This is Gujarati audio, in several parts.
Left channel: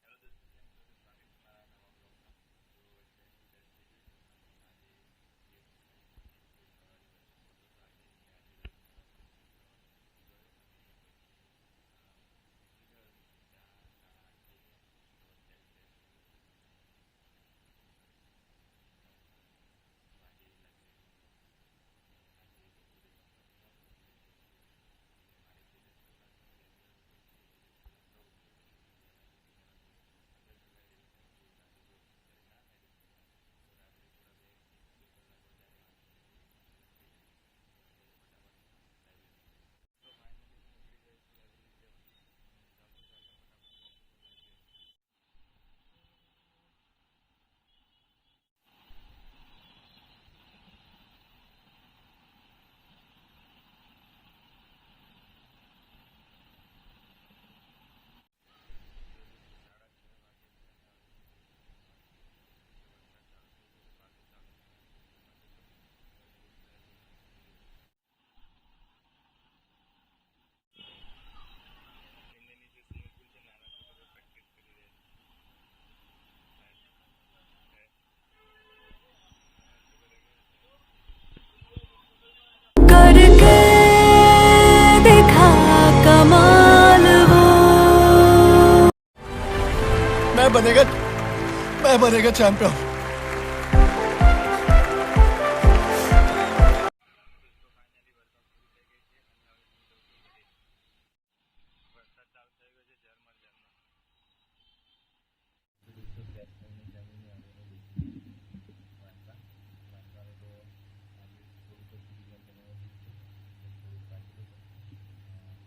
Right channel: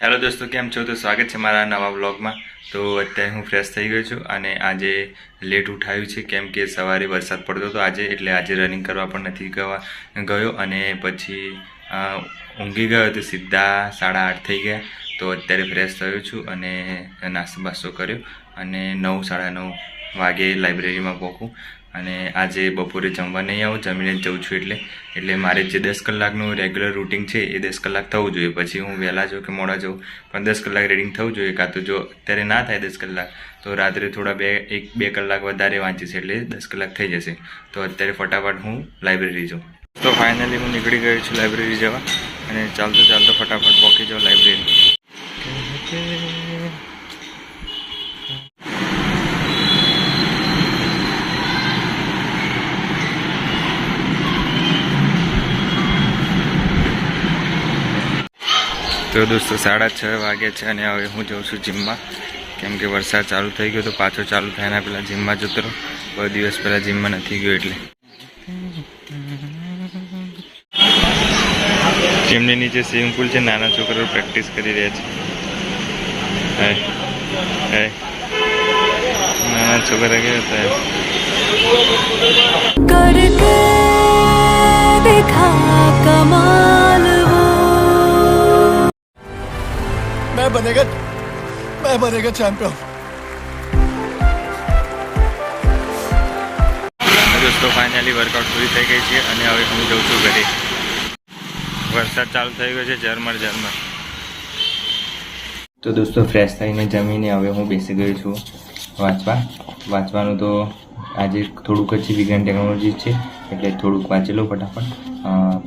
હેલો દોસ્તો, કેમ છો? તો સ્વાગત છે મારા નવા વ્લોગમાં. તો અત્યારે હું ફ્રેશ થઈ ગયો છું અને આજે લેટ ઉઠાયું છે કેમ કે સવારે વરસાદ પડતો હતો આજે, એટલે આજે રનિંગ કરવા પણ નથી ગયો અને પછી ઊંઘી ગયો તો સીધા 8:30 થઈ ગયા. તો અત્યારે ફ્રેશ થયો છું અને નાસ્તો બાસ્તો કર્યો અને 9, 9:30 વાગે લાઇબ્રેરીમાં પહોંચું. અને આજે બપોરે જમવા નહીં આવું, જમીને જ જઉં છું. એટલે મારે જે 10 કલાકનું રેગ્યુલર રૂટિન છે એ 10 કલાક થવું જોઈએ. પછી હું વહેલા જાઉં કે મોડા જાઉં, પણ 10 કલાક રીડિંગ થવું જોઈએ. કાં તો જો અત્યારે ના થાય 10 કલાક તો રાત્રે થોડા 1-2 કલાક વધારે વાંચીશ, એટલે 10 કલાક થઈ જશે. તો અત્યારે ફટાફટ હું લાઇબ્રેરી જાઉં. તો ફાઇનલી હું નીકળી ગયો છું લાઇબ્રેરી જવા અને ચાલતો ફટાફટ પહોંચી જાઉં લાઇબ્રેરી. તો દોસ્તો 6:30 વાગ્યા છે અને હવે હું જાઉં છું જીમમાં, કેમ કે વરસાદ ચાલુ થઈ ગયો તો પાછો ચાલુ થાય એના પહેલાં જીમમાં જતો રહો. બહુ દિવસ પહેલાં જીમમાં નથી ગયો એટલે. જીમની નીચે સ્વિમિંગ પુલ છે, નાના છોકરાઓ પ્રેક્ટિસ કરી રહ્યા છે. નાના છોકરા કેવા હતા करके देखा कमाल वो मैं बनेगा चैंपियन। દોસ્તો ફાઇનલી વર્કઆઉટ પૂરી થઈ ગઈ છે અને હવે હું જઉં છું ઘરે. વરસાદ ચાલુ થઈ ગયો છે ઝરમર. તો દોસ્તો ફ્રેશ થઈને જમીને હવે હું બેસી ગયો છું વાંચવાનું. તો આજે થોડુંક જ વિજ્ઞાન ટેકનોલોજી છે એટલે થોડુંક વાંચી લઉં ફટાફટ.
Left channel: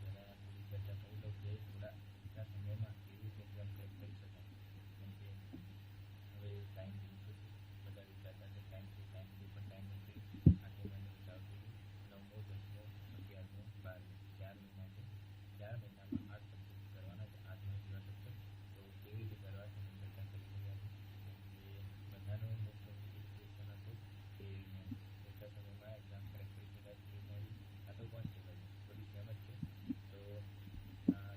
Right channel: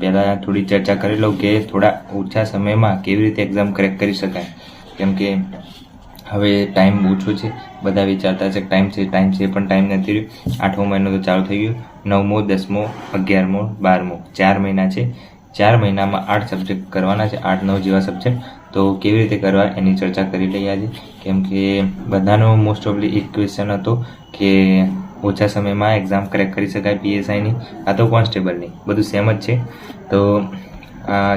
પહેલાં થોડી ચર્ચા કરી લઉં કે થોડા ઓછા સમયમાં કેવી રીતે એક્ઝામ ક્રેક કરી શકાય, કેમ કે હવે ટાઈમ ઓછો છે. બધા વિચારતા છે ટાઈમ છે પણ ટાઈમ નથી રહ્યો. 8મો મહિનો તો ચાલુ થઈ ગયો. 9મો, 10મો, 11મો, 12મો 4 મહિના છે. 4 મહિનામાં 8 સબ્જેક્ટ કરવાના છે, 8-9 જેવા સબ્જેક્ટ. તો કેવી રીતે કરવા એની ચર્ચા કરી લઈએ આજે, કેમ કે બધાનો મોસ્ટ ઓફલી એક ક્વેશ્ચન હતો કે ઓછા સમયમાં એક્ઝામ ક્રેક કરી શકાય PSIની આ તો કોન્સ્ટેબલની, બધું સેમ જ છે. તો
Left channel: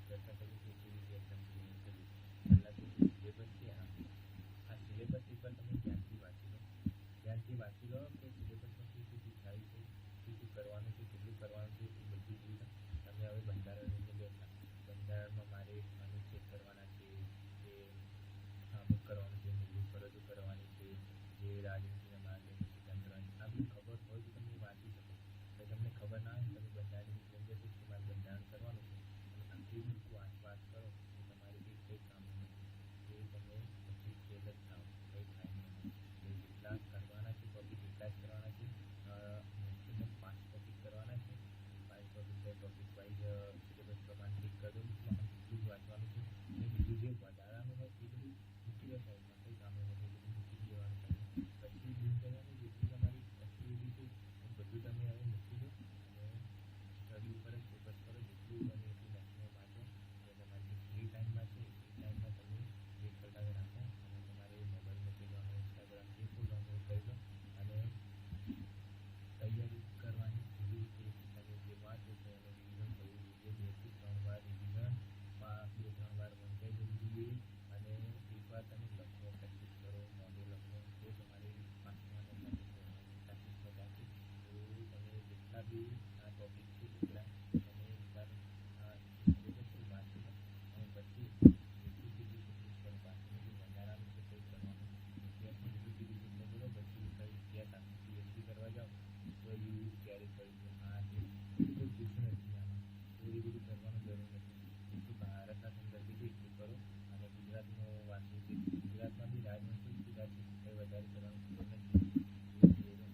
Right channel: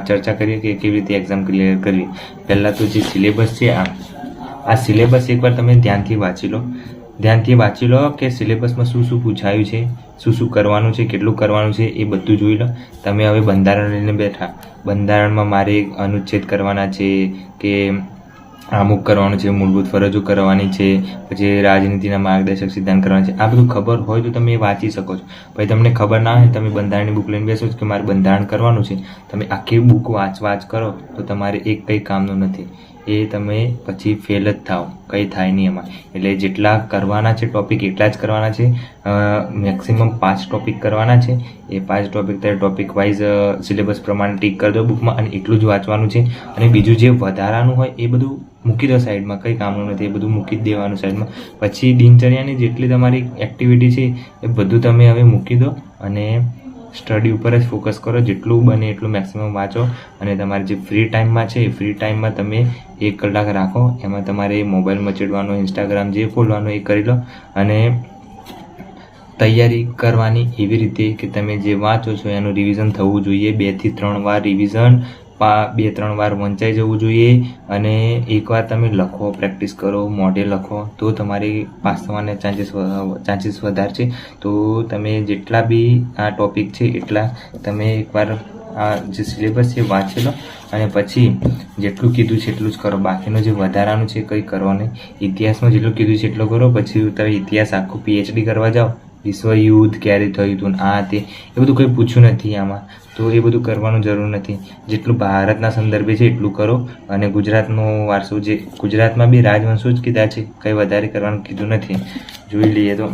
ચર્ચા કરીએ કે કેવી રીતે એક્ઝામ ક્લિયર કરવી. પહેલાં તો જે સિલેબસ છે આ સિલેબસ એકવાર તમે ધ્યાનથી વાંચી લો કે સિલેબસમાં શું શું પૂછાયું છે, શું કરવાનું છે, કેટલું કરવાનું છે એ બધું જોઈ લો. તમે હવે બંધારણ લઈને બેઠા, બંધારણમાં મારે અનુચ્છેદ કરવાના છે કે અમુક કરવાનું છે, મૂળભૂત ફરજો કરવાની છે, પછી રાજનીતિના માર્ગદર્શક સિદ્ધાંત કરવાના છે. આ બધું ખબર હોય તો તમે વાંચી શકો છો. પછી તમને ખબર ના હોય તમે બંધારણની બુક લઈને બેસો છો કે મારે બંધારણ કરવાનું છે, તમે આખી બુક વાંચ કરો તો તમારે એક કંઈ કામનું નથી. એ તમે પછી ફેલ જ થાવ, કંઈ થાય નહીં એમાં. એટલે જેટલા કરવાના છે ટોપિક એટલા જ કરવાના છે. મેક્સિમમ 5 ટોપિક કરવાના છે. એ 5 ટોપિક ટોપિક વાઇઝ સિલેબસ પ્રમાણે ટીક કરી દો બુકમાં અને એટલું જ વાંચવાનું છે. અને બીજું જે વધારાનું હોય એ બધું મૂકી દો સાઈડમાં, કંઈ કામનું નથી, એ બધું મૂકી જ દેવાનું સાઈડમાં. પછી દિનચર્યાની જેટલી તમારી એક્ટિવિટી છે એ બધું તમે હવે મૂકી દો અને સ્ટડી ઉપર જ ફોકસ કરો. જેટલું બને એટલું મેક્સિમમ વાંચો અને તમારે જે ફ્રી ટાઈમમાં છે એ ફ્રી ટાઈમમાં તમે 1 કલાક રાખો. એમાં તમારે મોબાઈલ મચેડવાનો, ઇન્સ્ટાગ્રામ જે ખોલવાનું એ કરી લો અને તૈયારી કરવાની એવી રીતે કે તમે જે વાંચો છો એનું રિવિઝન થવું જોઈએ. 2 થી 3 વાર રિવિઝન, 2-3 વાર વંચાઈ જવું જોઈએ. અને એકવાર તમે લખો, પ્રેક્ટિસ કરો, મોઢે લખો તો તમારી પાસ થવાના ચાન્સીસ વધારે છે. તો તમે જેટલા બી આ ટોપિક છે એટલા તમે એકવાર આ જે સિલેબસ છે વાંચી લો અને પછી જેટલું કીધું છે એટલું જ કરો. બાકીનું જે વધારાનું છે કંઈ કરવા નહીં. ઇતિહાસમાં જેટલું કીધું છે એટલું કરો. પછી તમે ઇતિહાસ આખું PhD કરવા જાઓ, વિશ્વ યુદ્ધ ક્યારે થયું હતું આ તે એ બધું કંઈ પૂછ્યું નથી આમાં, તો એ બધું કરવાનું જરૂર નથી. જેટલું ભારતના સંદર્ભે છે એટલું કરો. અને ગુજરાતનો વારસો, જે ગુજરાતમાં બી રાજવંશો જ કીધા છે, કંઈ વધારે કરવાનું કીધું નથી. જોઈ લઈએ તો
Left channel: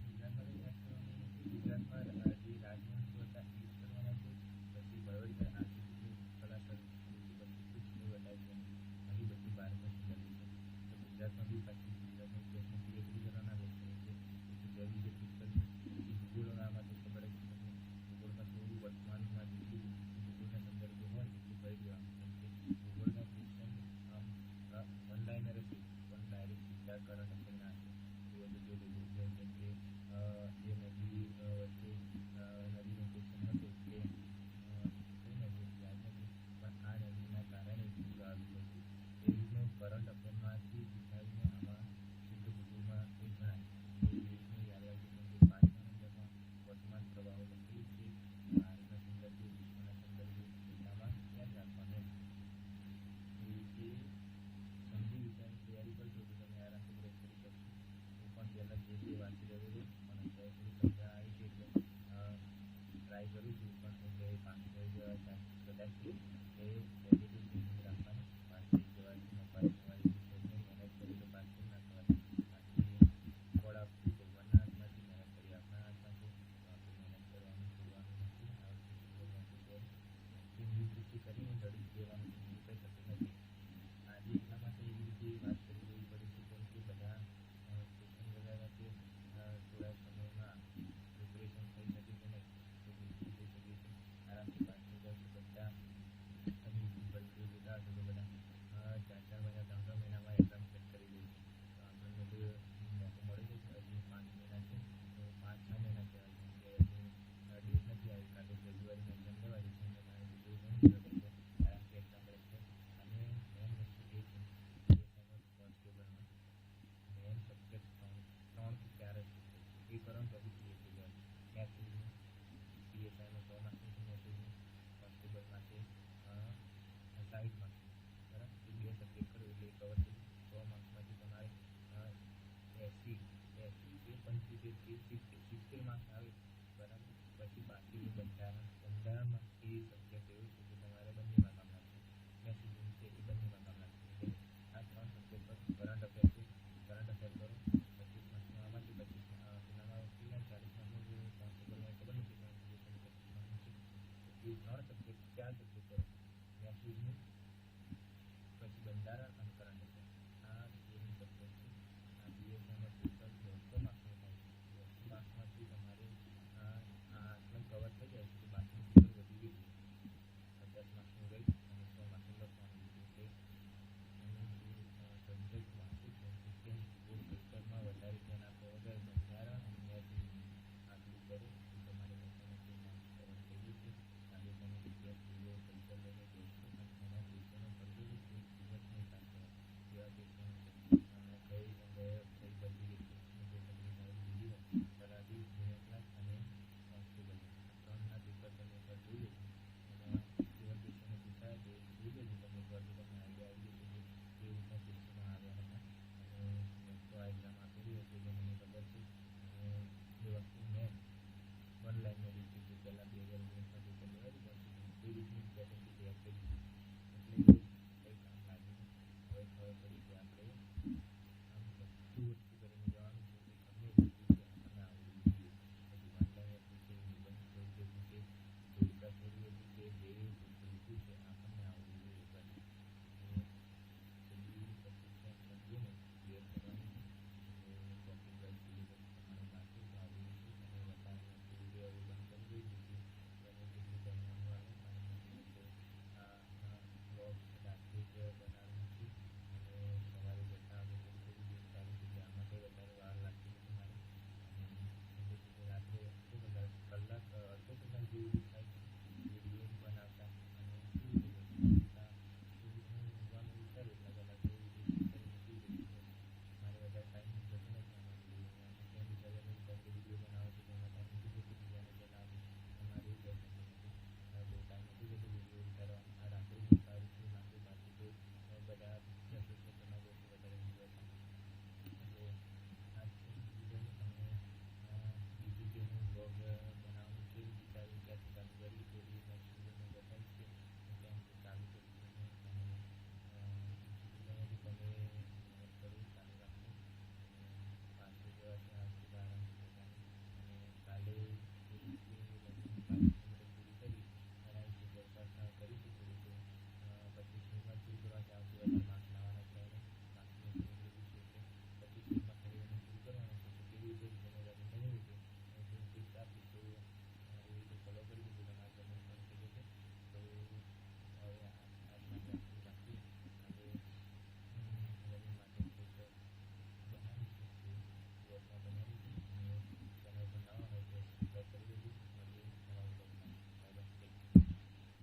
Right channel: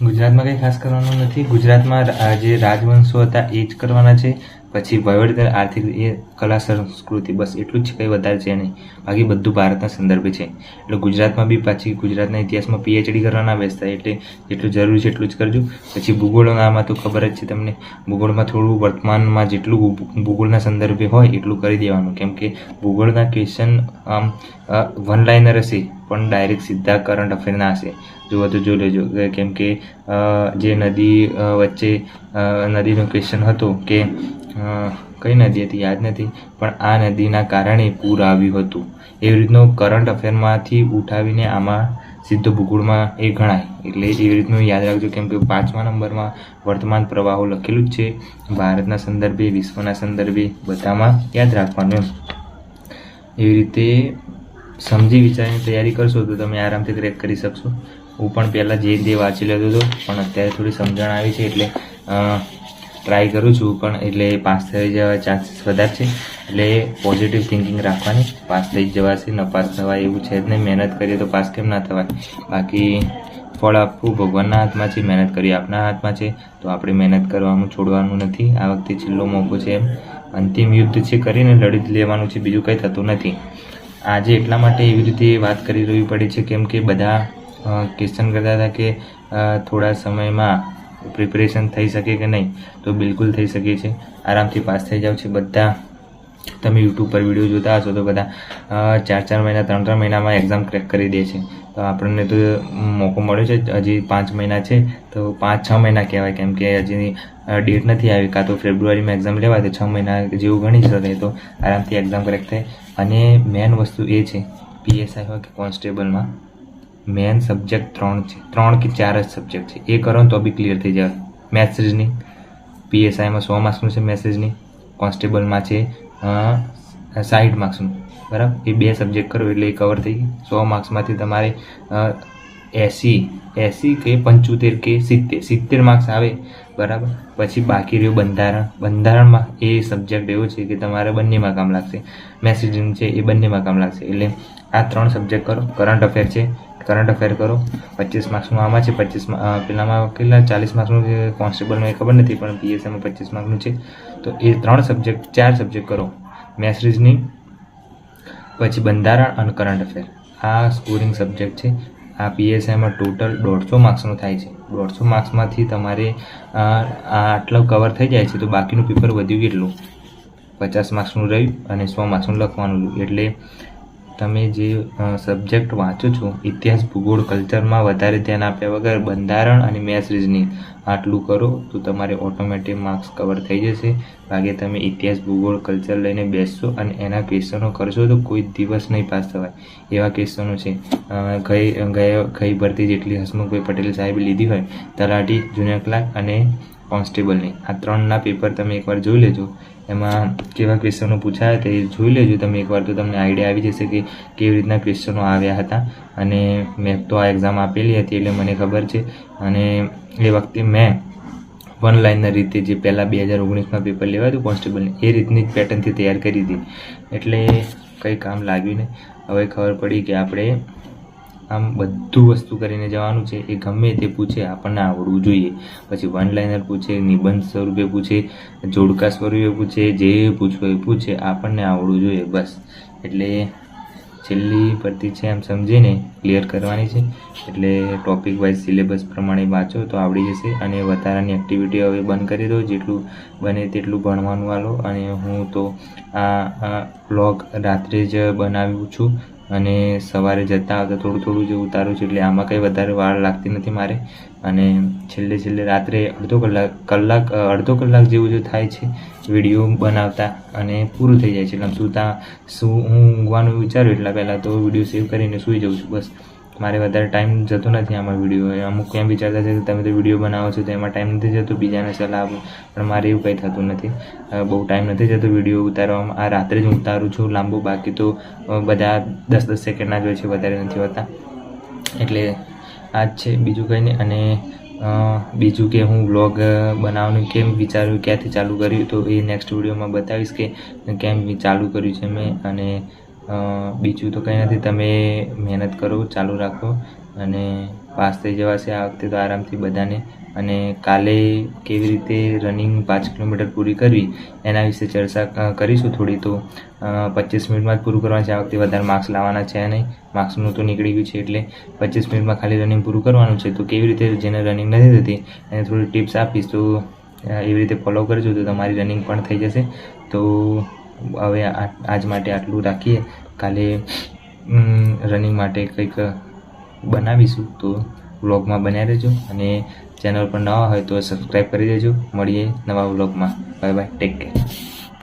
ગુજરાતમાં કંઈ ખાસ કરવાનું નથી. ગુજરાતમાં જે રાજવંશો હતા એ જ કરવાના છે. પછી વહીવટદાર, આર્થિક, એ કલા, સંસ્કૃતિ, બસ એટલું જ, કંઈ વધારે છે નહીં. બાકી બધું ભારતના સંદર્ભે છે. એટલે ગુજરાતમાં બી પાછી ગુજરાતના ઇતિહાસમાં PhD કરવાના બેસતા, એટલે જેટલું જરૂરી છે એટલું જ કરજો. પછી ભૂગોળમાં તો ખબર જ છે તમને, ભૂગોળમાં થોડું વર્તમાનમાં જેટલું ભૂગોળના સંદર્ભે હોય એટલું કરી દેવાનું, કેમ કે ભૂગોળના ક્વેશ્ચન આમ 1 લાઇનર હશે પણ ડાયરેક્ટ સીધા કરંટ અફેરના હશે. જોવા તો જોઈ લેજો, કેમ કે જે નદી વચ્ચે નદીનો ક્વેશ્ચન હતો કે કઈ નદી હતી યાદ નથી, પણ આ નદીના કારણે પૂર આવ્યું હતું. એવી રીતનો કરંટ અફેરમાંથી ઉઠાવીને આમાં સીધો ભૂગોળમાં એ ગણાય. એટલે એવી રીતનું યાદ રાખજો, કેમ કે 5મા નંબરમાં વર્તમાન પ્રવાહો લખેલું જ છે. ભારતના સંદર્ભે, વિશ્વના સંદર્ભે બધામાં યાદ રાખવાનું એમ. એવી રીતે સમજી વિચારીને તૈયારી કરશો તો તમે આરામથી ક્રેક કરી શકશો. હું પણ પહેલાં જે વાંચી લેતો હતો, પણ અત્યારે થોડી સમજણ આવી છે એટલે ટ્રાય કરું છું. પણ એટલે પાસ થઈ જવા ચાન્સીસ વધારે છે. એટલે પોઝિટિવ થિંકિંગ રાખવાની, પાસ થઈ જવાશે. ન પાસ થવાય એવું છે જ નહીં. મહેનત કરીએ તો પાસ કેમ ના થવાય. બાકી ફળ આપવું ભગવાનના હાથમાં છે, મહેનત કરી આપના હાથમાં છે. તો આપણે મહેનત કરવાનું છોડવાનું નથી. આ વખતે છેલ્લો મોકો છે, એમ અંતિમ યુદ્ધ છે કરીને લડી જ લેવાનું છે, બીજું કંઈ થતું નથી. આજે એટલા માટે એવી રીતે વાત કરી રહેવી પડી છે કેમ કે બધા ક્વેશ્ચન કરતા હતા કે થોડા સમયમાં પ્રિપેરેશન થઈ શકે કે નહીં. તો બિલકુલ થઈ શકે છે, આરામથી પાસ થઈ જાવ છે બધા. તમે યુટ્યુબ પર વિડીયો જોતા હશો તો બધા 4 મહિના 3 મહિનામાં એક્ઝામ ક્રેક કરી દે છે. તો આપણને તો મોકો મળ્યો છે, હજી 5 મહિના છે તો 5-6 મહિના કહેવાય, કેમ કે હજી ડેટ નથી આવી. કાં તો ફેબ્રુઆરીમાં એક્ઝામ લેવાય તો 6 મહિના જેવું ગણી શકે, તો આરામથી એક્ઝામ ક્રેક થાય. અને મેન વસ્તુ એ છે, PSI હોય કે કોન્સ્ટેબલમાં મેન સબ્જેક્ટ 3 છે, 3 કે 4 જ સબ્જેક્ટ છે. એ કરો ને તો બી ક્લિયર થઈ જાય. મેથ્સ રીઝનિંગ, PSIમાં 100 માર્ક્સનું છે મેથ્સ રીઝનિંગ, કોન્સ્ટેબલમાં છે 60 માર્ક્સનું, બરાબર. એ 2 સબ્જેક્ટ કરો એટલે એ કવર થઈ ગઈ. 100 માર્ક્સમાંથી તમારે 80 કે 75 કે 70 માર્ક્સ આવે, બરાબર. પછી બાકી રહ્યું બંધારણ. બંધારણમાં એ સબ્જેક્ટ એવો છે કે તમારે બંનેમાં કામ લાગશે. મેથ્સ રીઝનિંગ છે એ બંનેમાં કામ લાગશે. એટલે આ 3 સબ્જેક્ટ કરો. કરંટ અફેર છે, કરંટ અફેર કરો. 25 માર્ક્સનું આમાં છે, 25 પેલામાં કેટલા 40 માર્ક્સનું છે કોન્સ્ટેબલમાં, એ ખબર નથી, પણ PSIમાં 25 માર્ક્સનું છે. તો એ 3 સબ્જેક્ટ 4 સબ્જેક્ટ કરો. મેથ્સ રીઝનિંગ, પછી બંધારણ અને કરંટ અફેર. આ સ્કોરિંગ સબ્જેક્ટ છે. આ PSIમાં ટોટલ 150 માર્ક્સનું થાય છે. 150 માર્ક્સમાંથી તમારે આટલું કવર થઈ જાય છે. તો બાકીનું પેપર વધ્યું કેટલું? 50 માર્ક્સનું રહ્યું અને 100 માર્ક્સનું લખવાનું રહ્યું. એટલે તમે જે સબ્જેક્ટ વાંચો છો, ઇતિહાસ, ભૂગોળ, કલ્ચરમાં વધારે ધ્યાન આપ્યા વગર બંધારણ અને મેથ્સ રીઝનિંગ આટલું કરો તો તમારે ઓટોમેટિક માર્ક્સ કવર થઈ જશે. બાકી તમે ઇતિહાસ, ભૂગોળ, કલ્ચર લઈને બેસશો અને એના ક્વેશ્ચનો કરશો તો કોઈ દિવસ નહીં પાસ થવાય. એવા ક્વેશ્ચનો છે. ગઈ ભરતી જેટલી હસમુખભાઈ પટેલ સાહેબે લીધી હોય, તલાટી, જુનિયર ક્લાર્ક અને કોન્સ્ટેબલની, આ 3ના પેપર તમે એકવાર જોઈ લેજો. એમાં કેવા ક્વેશ્ચનો પૂછાયા તે જોઈ લેજો તમે એકવાર, તો તમને આઈડિયા આવી જશે કે કેવી રીતના ક્વેશ્ચનો આવ્યા હતા. અને મેં તો આ એક્ઝામ આપેલી હતી એટલે મને ખબર છે. અને એ વખતે મેં 1 લાઇનર રીતે જે પહેલાં 2019માં પેપર લેવાયું હતું કોન્સ્ટેબલને, એ રીતની જ પેટર્નથી તૈયાર કરી હતી. એટલે કંઈ કામ લાગ્યું નહીં. હવે ખબર પડી કે આપણે આમ બધું વસ્તુ કરીને જવાનું છે. એ ગમે તે પૂછે આપણને આવડવું જોઈએ. પછી 1 લાઇનર પૂછે, નિબંધ સ્વરૂપે પૂછે, જોડકા સ્વરૂપે પૂછે, જે પૂછવું એ પૂછે, આપણને આવડવું જોઈએ બસ. એટલે છેલ્લી ભરતી છે એમ સમજીને ક્લિયર કરવાની છે. એટલે ટોપિક વાઇઝ સિલેબસ પ્રમાણે વાંચો તો આવડી જશે. અને વધારાની એક્ટિવિટી હવે બંધ કરી દો, જેટલું બને તેટલું ભણવાનું આલો. અને હું તો આ વ્લોગ રાત્રે જ બનાવ્યું છું અને સવારે જતા આવતા થોડું જે ઉતારું છું. એટલે આમાં કંઈ વધારે વાર લાગતી નથી મારે. અને છેલ્લે રાત્રે અડધો કલાક જેવું જો થાય છે વિડીયો બનાવતા અને પૂરું થઈ જાય છે. એટલે હું ઊંઘવાનું વિચારું એટલા પહેલાં તો વિડીયો સેવ કરીને સૂઈ જાઉં છું બસ. મારે વધારે ટાઈમ જતો નથી આમાં વિડીયો. અમુક એમ વિચારતા છે કે તમે તો વિડીયો બનાવો છો તો એમાં ટાઈમ નથી જતો, બીજાને સલાહ આપો, પણ મારે એવું કંઈ થતું નથી. બહુ ટાઈમ નથી જતો વિડીયો ઉતારવામાં. આ રાત્રે જ હું ઉતારું છું લાંબુ, બાકી તો બધા 10-10 સેકન્ડના જ હોય છે, વધારે નથી હોતા. એટલે આ જ છે, બીજું કંઈ નહીં. અને બીજું કે હું વ્લોગ બનાવવાનું કેમ વિચાર્યું, ક્યાંથી ચાલુ કર્યું, તો એ નેક્સ્ટ વિડીયોમાં બતાવીશ કે કેમ ચાલુ કર્યું છે મેં. અને બીજું તો કંઈ નથી. તમે મહેનત કરો, ચાલુ રાખો અને પાસ થઈ જવાશે આ વખતે તો આરામથી બધાને. અને કાલે કેવી રીતે રનિંગ 5 કિલોમીટર પૂરી કરવી એના વિશે ચર્ચા કરીશું થોડી. તો 25 મિનિટમાં જ પૂરું કરવાનું છે આ વખતે, વધારે માર્ક્સ લાવવાના છે નહીં. માર્ક્સનું તો નીકળી ગયું છે એટલે 25 મિનિટમાં ખાલી રનિંગ પૂરું કરવાનું છે. તો કેવી રીતે જેને રનિંગ નથી થતી એને થોડી ટિપ્સ આપીશ, તો એવી રીતે ફોલો કરજો તો તમારી રનિંગ પણ થઈ જશે. તો હવે આજ માટે આટલું રાખીએ. કાલે રનિંગ માટે કંઈક બનાવીશું, તો વ્લોગમાં બન્યા રહેજો. અને ચેનલ પર નવા હોય તો સબસ્ક્રાઈબ કરી દેજો. મળીએ નવા વ્લોગમાં. Bye bye, take care.